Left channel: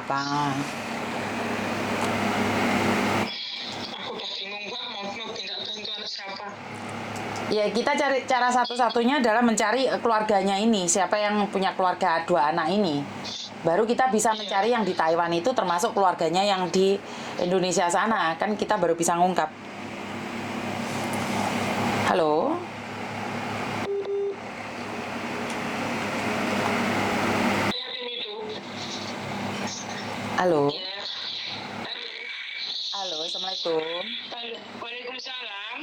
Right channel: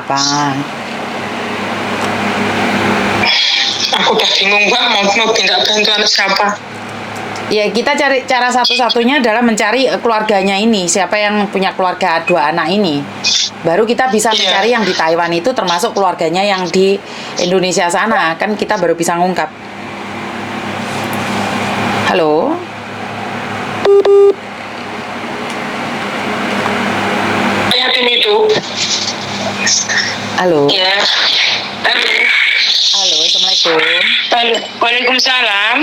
apa? Aku udah bingung Mbak, mau minta bantuan siapa? Ya kita cari cara satu-satunya adalah mencari keluarganya ini, siapa yang punya keluarga 2 anak ini. Baru kita bisa mencari yang di Taiwan itu termasuk keluarganya yang di Indonesia sana, kan kita baru bisa ngungkap. Halo? Yakin itu? Halo? Ya. Halo, Assalamualaikum. Waalaikumsalam.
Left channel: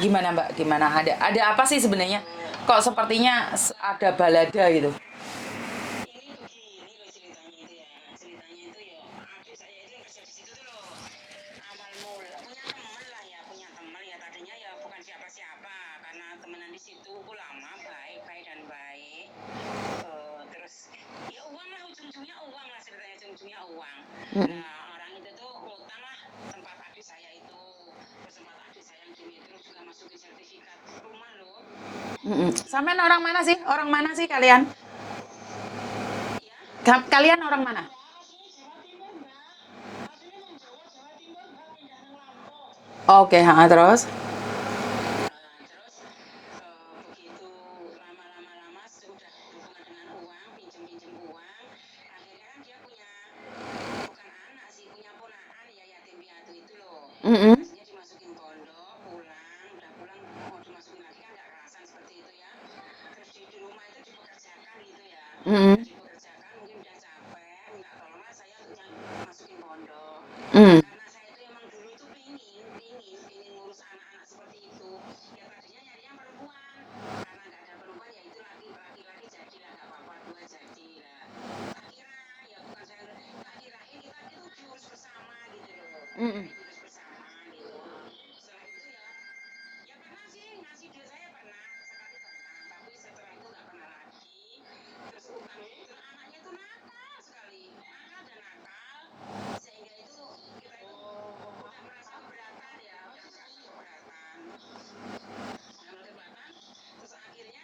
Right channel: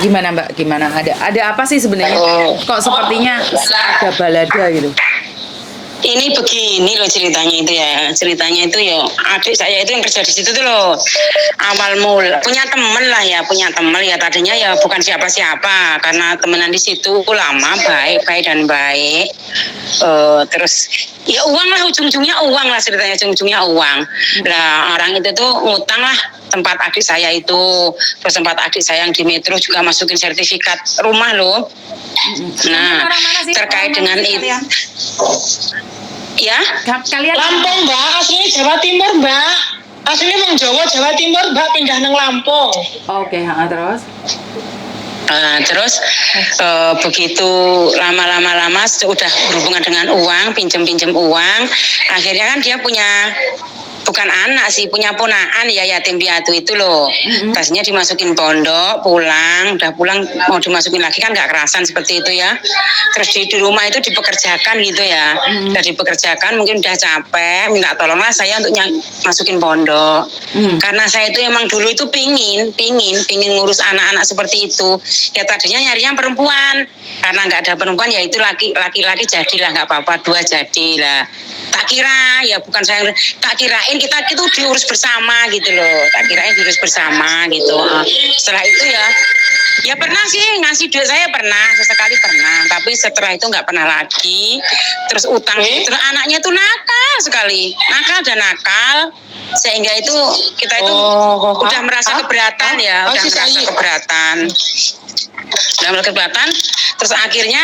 Gimana Mbak? Gimana? Ada apa sih sebenarnya? Kok sepertinya ada balada gitu? Ini begini loh ceritanya itu ya. Ceritanya itu ya adik saya itu yang kerja di situ tuh loh. Awal mula punya temen lah ya, punya temen ya tadinya ya bukan siapa-siapa karena temenan di situ lama baik dan baik. Terus ya uang lah ujung-ujungnya uang lah ceritanya ujung-ujungnya uang. Nah orang itu tuh ngutang lah tempat adik saya itu, terus tempat adik saya yang di Metro juga masukin sertifikat rumah loh. Nah terkait dengan itu ya Kalian Lampung Mbak, aslinya Jawa Timur Mbak. Aslinya Wong Jawa Timur Mbak, pindah nang Lampung. Oke, terus? Terus begitu lama sudah berhubungan dengan uang, pinjem uang, akhirnya kan dia punya bukan anak sih, punya ponakan ya yatim piatu itu loh. Tasnya dimasukin pondok, udah pulang mau dimasukin lagi kan nggak kerasan seperti itu ya. Terus di rumah itu dipekerjakan gitu ya. Udah dipekerjakan mungkin udah capek, minta tolonglah saya untuk masukin pondok. Karena saya itu emang dulu itu pingin ngurus anak-anak seperti itu. Ya tadinya nyarinya perempuan. Karena nggak ada perempuan ya itu laki-laki jadilah nggak apa-apa, 2 jadilah. Tak kira ya bukan saya, tak kirain kita itu diurus bersama gitu loh, tak kirain diurus bersama gitu. Setelah itu ya pernah sih ngasih duit saya pernah sesekali pernah, tapi setelah itu nggak pernah lagi. Terus utang terus anaknya itu nakal sekali, nakal sehingga itu kita itu udah merasa keberatan ya, udah merasa keberatan. Terus akhirnya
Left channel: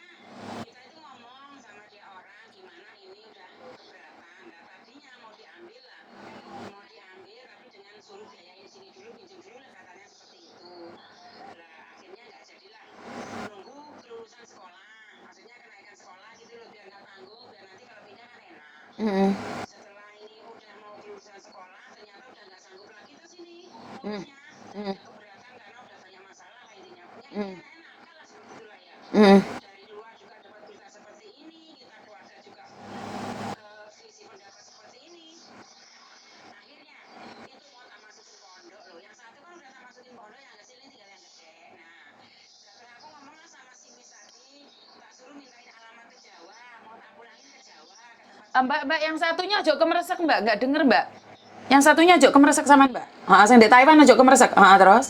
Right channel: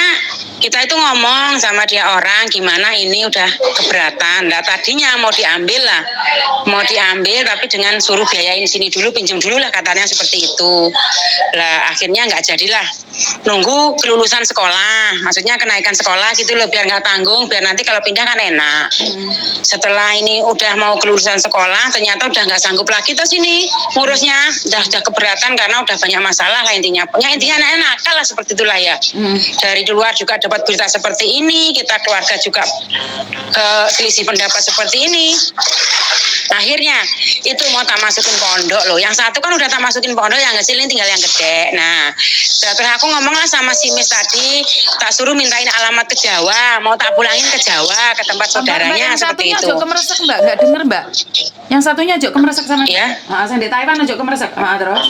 kita itu ngomong sama dia orang gimana ini udah keberatan. Nah tadinya mau diambil tapi dengan suruh biayain sini dulu, pinjam dulu lah katanya seperti itu. Lah akhirnya nggak jadilah. Nunggu kelulusan sekolah, maksudnya kenaikan sekolah gitu loh biar nggak tanggung, biar nanti kalau pindah kan enak. Setelah ini udah mau kelulusan sekolah, ternyata udah nggak sanggup lagi tuh sini ngurusnya, udah keberatan karena udah banyak masalah lah intinya. Intinya anak-anak nakal lah seperti itulah ya. Dari luar juga dapat berita seperti ini, kita keluarga juga selisih pendapat seperti ini. Akhirnya itu mau tak masukin pondok loh. Yang satu kan udah tak masukin pondok, yang kecil ini tinggal yang gede. Nah, terus aku ngomong lah sama si Miss tadi, tak suruh mintain alamat ke Jawa, mau tak pulangin ke Jawa ke tempat saudaranya seperti itu. Yang satunya ke Meresek Mbak, nggak denger Mbak? Yang satunya aja ke Meresek sama ya. Saya di Taiwan aja ke Meresek. Terus?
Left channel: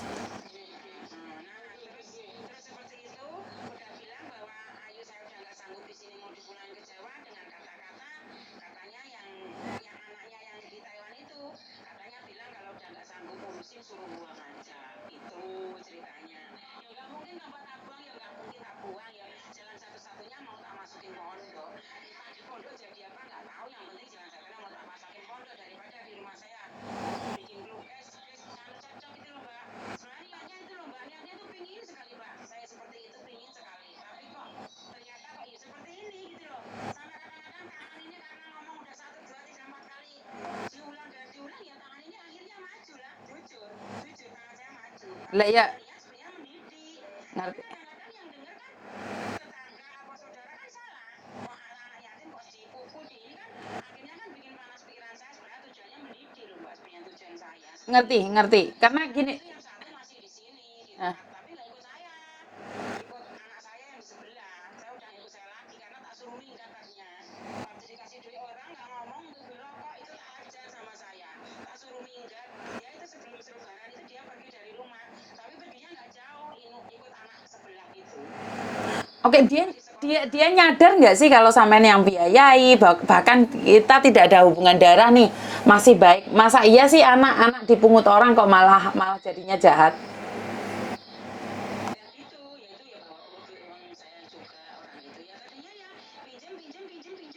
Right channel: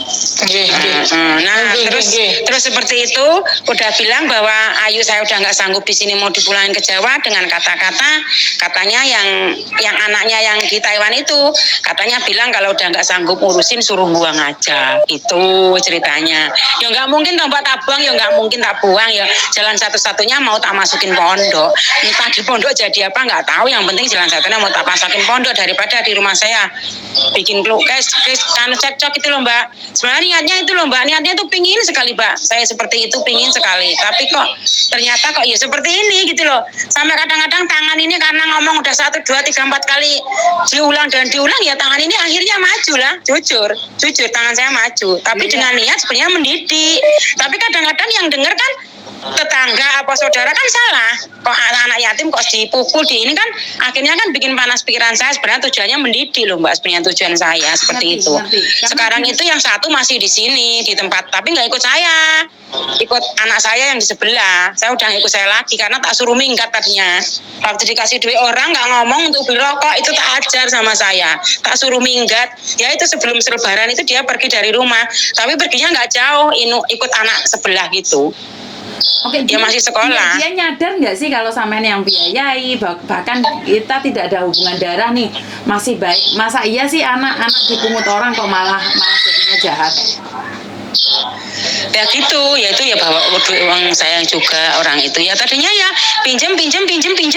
Terus seperti itu udah bilang bahwa Ayu saya udah nggak sanggup di sini mau dipulangin ke Jawa dengan katanya yang anaknya yang di Taiwan itu katanya bilang kalau udah nggak sanggup urusin suruh buang aja, itu ceritanya. Ya nggak mungkin toh Mbak tak buang, ya nggak mungkin tak buang, ya jalan satu-satunya mau tak masukin pondok. Entah di pondok jadi apa nggak tahu, yang penting jalan satunya mau tak masukin pondok daripada di rumah saya bikin kan cekcok itu loh Mbak. Sebenarnya niatnya itu loh Mbak, niatnya tuh pingin sekali Mbak, saya seperti itu pingin sekali, tapi kok ternyata kok ya seperti ini gitu loh. Sampai kadang-kadang tangan ini karena ngomong udah 1, 2, 3, 4 kali diulang ya tangan ini akhirnya maju lah, jujur tangan saya maju, tapi dengan niat sebenarnya mendidik. Tapi kadang-kadang yang dengar kan tetangga apa saudara kan salah, kok anak-anak yatim kok dipukul di ini kan akhirnya kan bikin panas pikiran saya. Sebenarnya tujuannya mendidik loh Mbak, sebenarnya tujuan saya seperti itu. Sekarang itu yang satu masih di sini di tempat, tapi nggak ikut saya, ikut anak saya yang di sebelah. Saya udah ikut saya lagi karena tak suruh minggat tadinya. Waktu dikasih duit orang nggak ngomong untuk beli rokok, itu tak ajar sama saya, tak suruh minggat. Ya itu sebelum Lebaran itu dia pergi dari rumah, tapi perginya nggak jauh, ikut anak sebelah gitu. Oke, dia masih sekolah. Dia nyadar nggak sih kalau sampean yang biayai, bahkan kita tidak ada hubungan darah nih, masih baik. Masa iya sih anak-anak dipungut orang kok malah jadinya jahat? Ya gitu, ya itu ya bawa duit uang saya juga orang itu ya tadinya ya pinjam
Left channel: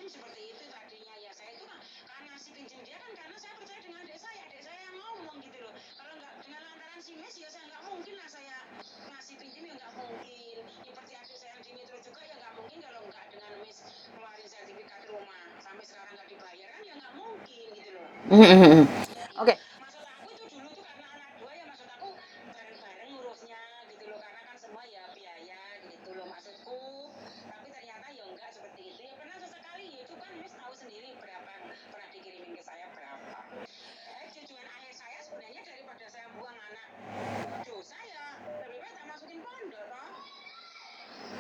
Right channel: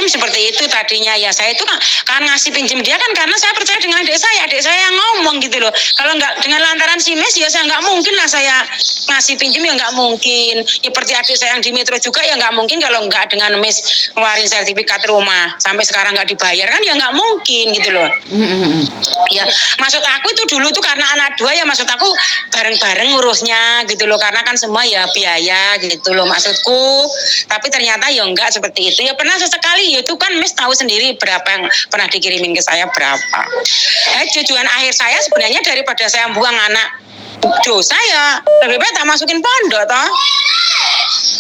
seperti itu tadinya ya saya itu kan ngasih pinjam dia kan karena saya percaya dengan adik saya yang ngomong gitu loh. Kalau nggak dengan lantaran si Mes ya saya nggak mungkin lah saya ngasih pinjam ya nggak mungkin. Ya seperti adik saya yang di Metro juga ya nggak mungkin kalau nggak dengan Mes ngeluarin sertifikat rumah sampai sekarang nggak dibayar kan ya nggak mungkin gitu loh. Ya maksud aku itu dulu tuh karena anak dua ya maksud aku bareng-bareng ngurusnya gitu loh karena kan semua ya biaya gitu loh maksudku tapi ternyata ya enggak seperti itu ya pernah sesekali ya itu kan Miss tahu sendiri berapa yang pernah dikirimin ke saya berapa tujuan akhir saya sebenarnya daripada saya buang anak dosa ya lebih baik tak masukin pondok toh.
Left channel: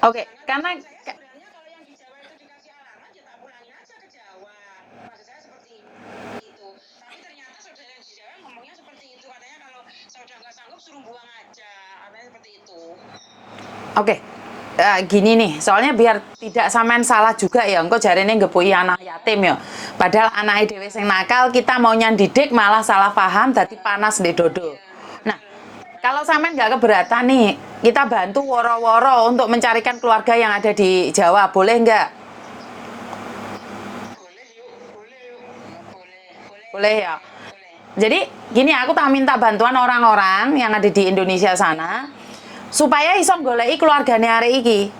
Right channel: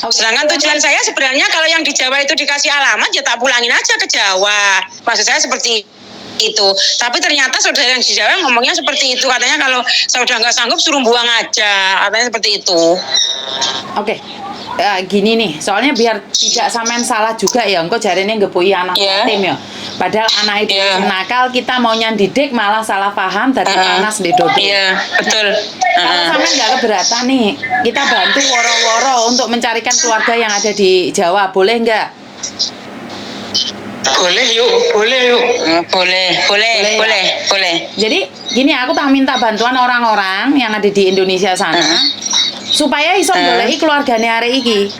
Sedangkan tujuan saya sebenarnya kalau yang di Jawa itu dikasih alamat ya tak pulangin aja ke Jawa maksud saya seperti itu tapi ternyata saudara yang di Jawa ngomongnya seperti itu katanya kalau saya udah nggak sanggup suruh buang aja katanya seperti itu. Oke. Gini nih, soalnya biar tidak sampean salah juga ya, engko jarene ngepui anak yatim ya. Padahal anak itu nakal, kita maunya didik malah salah paham dari panas di dodo. Iya, betul. Kalau sampean nggak keberatan nih, kita bantu woro-woro untuk mencarikan keluarga yang ada di Jawa, boleh nggak? Boleh yuk. Boleh. Jadi gini, aku tak minta bantuan orang-orang yang ada di Indonesia sana supaya iso goleki keluargane arek iki.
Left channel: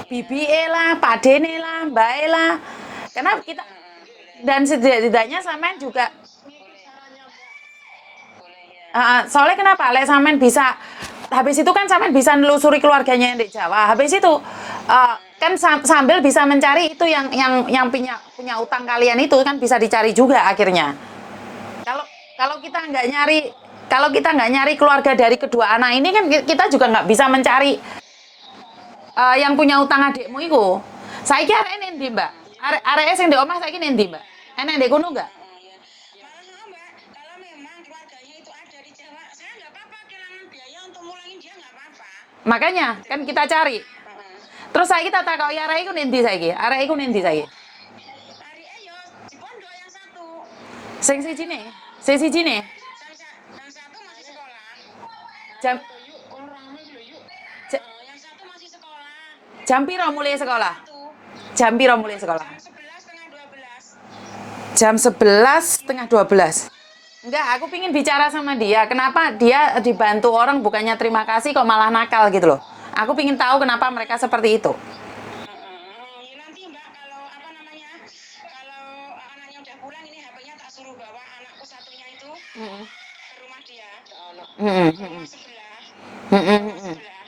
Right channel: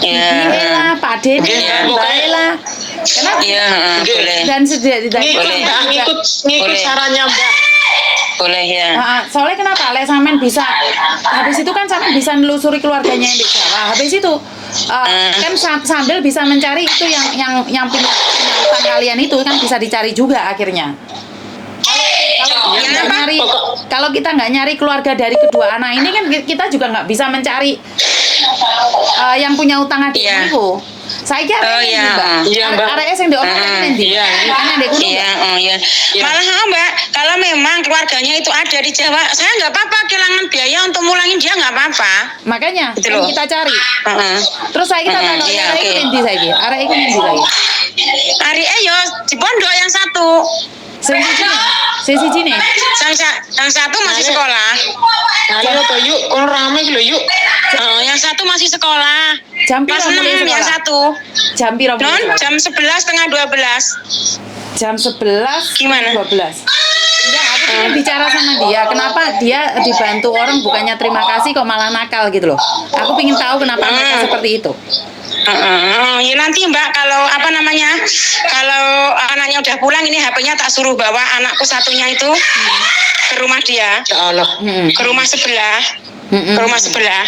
Ini lah, Pak Deni, Mbak lah. Kenapa? Boleh. Dan Ngikut sarannya Mbak. Boleh ya. Soalnya kenapa? Lek sampean bisa habis itu kan sampean bisa nelusuri keluarganya yang di Jawa. Habis itu kan sambil bisa mencari itu yang punya utang kalian itu kan bisa dicari juga akhirnya. Kalau kita nggak nyari keluarga dari kedua anak ini kan kita juga nggak bisa mencari yang punya utang adikmu itu. Saya kira Mbak. yang diomongin ini. Kan yang di gunung. Malah Mbak, kalau memang keluarganya itu ada di Jawa, saya nggak apa-apa kehilangan biaya untuk mulangin dia nggak apa-apa. Makanya Gitu kan loh. kita cari. Terus saya kita tanya arek iku endi saiki? Arek iku endi saiki? Ari yo di pondok yang satu. Siji nih. Yang satu masih sekolah. Ayo toh yuk, kalau rame gitu yuk. Yang satu masih sekolah. Jam Kelas piro 6 mulai yang sekolah? satu. Jam piro mulai Non, sekolah? jam 11 setengah 12. Jam 11 Gimana? 12. Enggak, aku pengen bicara sama dia. Kenapa dia dibantu orang bukannya terima kasih kok malah nakal gitu loh. Aku pengen tahu kenapa mereka seperti itu. Ya nanti Mbak kalau kalau anaknya udah pulang ini HP-nya tak suruh bawa anakku satunya itu ke rumah dia, Ya Allah. ke rumah sebelah, ke rumah sebelah.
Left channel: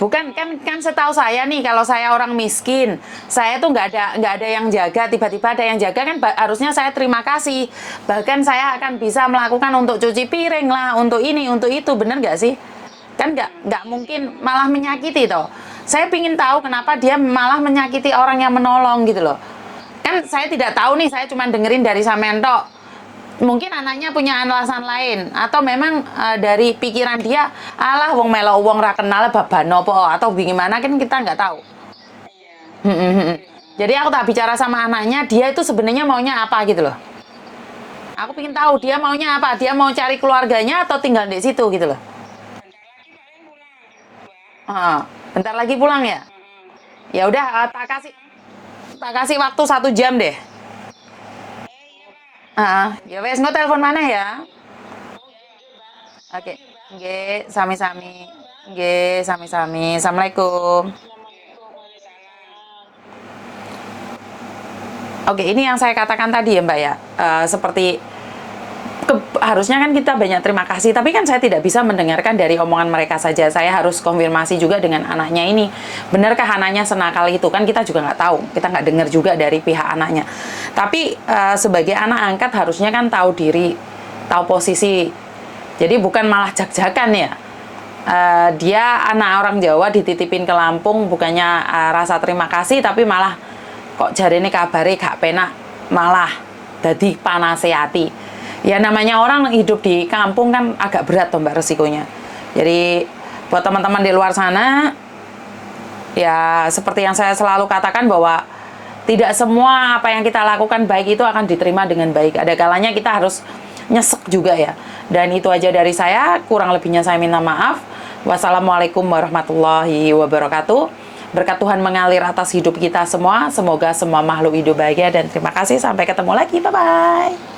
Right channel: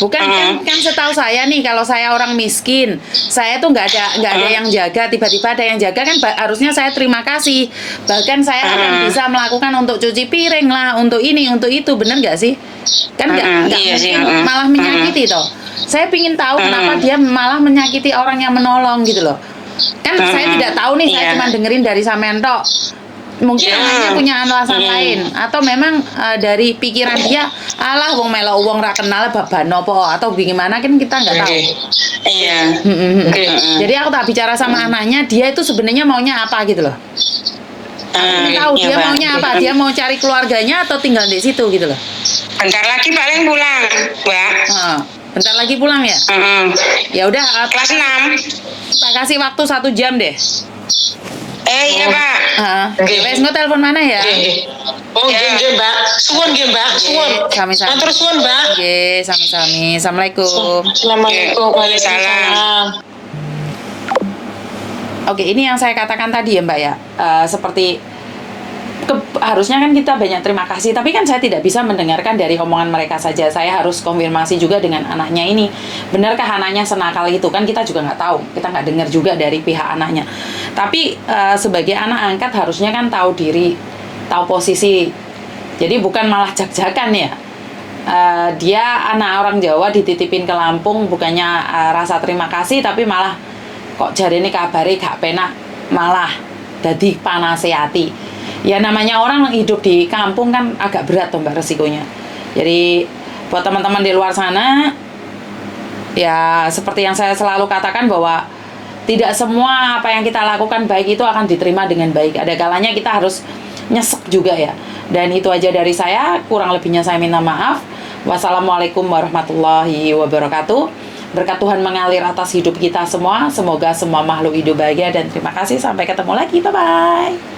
Bukan kan setahu saya nih kalau saya orang miskin, saya tuh nggak ada yang jaga, tiba-tiba ada yang jaga kan harusnya saya terima kasih. Bahkan saya akan bisa melakukan untuk cuci piring lah, untuk ini, untuk itu, bener nggak sih? Kan nggak Iya sih, mungkin malah menyakiti toh. Saya pingin tahu kenapa dia malah menyakiti orang yang menolong gitu loh. Kan saya tidak tahu nih, saya cuma dengerin dari sampean tok. Mungkin anaknya punya alasan lain atau memang dari pikiran dia alah wong melo wong ra kenal babano po atau gimana kan kita nggak tahu. Iya. Jadi aku tak bicara sama anaknya, dia itu sebenarnya maunya apa gitu loh. Aku ingin tahu dia maunya apa, dia mau cari keluarganya atau tinggal di situ gitu loh. Bentar lagi paling pulang, Mbak. Bentar lagi pulang ya? Ya udah, Kelas 6. tak kasih waktu 1 jam deh. Iya Pak. Wes engko telepon mana ya? Oh, nggih Mbak. Suwun nggih Mbak, suwun. Sami-sami. Matur suwun Mbak. Nggih, sami-sami. Assalamualaikum. Assalamualaikum. Waalaikumsalam. Oke, ini yang saya katakan tadi ya Mbak ya. Seperti harusnya kan kita banyak terima kasih, tapi kan saya tidak bisa mendengarkan dari omongan mereka saja. Saya harus konfirmasi juga dengan anaknya ini. Benarkah anaknya senakal itu? Kan kita juga nggak tahu. Kita nggak dengar juga dari pihak anaknya. Tapi sebagai anak angkat harusnya kan tahu diri, tahu posisi. Jadi bukan malah jak-jakan ya. Dia anak orang Jawa dititipin ke Lampung, bukannya rasa terima kasih, tapi malah kok jarene kabare gak penak, malah dadi panase ati. Ya namanya orang hidup di kampung kan agak berat tuh Mbak resikonya. Jadi buat teman-teman di luar sana, ya seperti yang saya selalu katakan bahwa tidak semua apa yang kita lakukan baik itu akan diterima dengan baik. Ada kalanya kita harus nyesek juga ya. Dan itu aja dari saya, kurang lebihnya saya minta maaf. Wassalamualaikum warahmatullahi wabarakatuh. Berkat Tuhan mengalir atas hidup kita semua. Semoga semua makhluk hidup bahagia dan terima kasih. Sampai ketemu lagi. Bye-bye.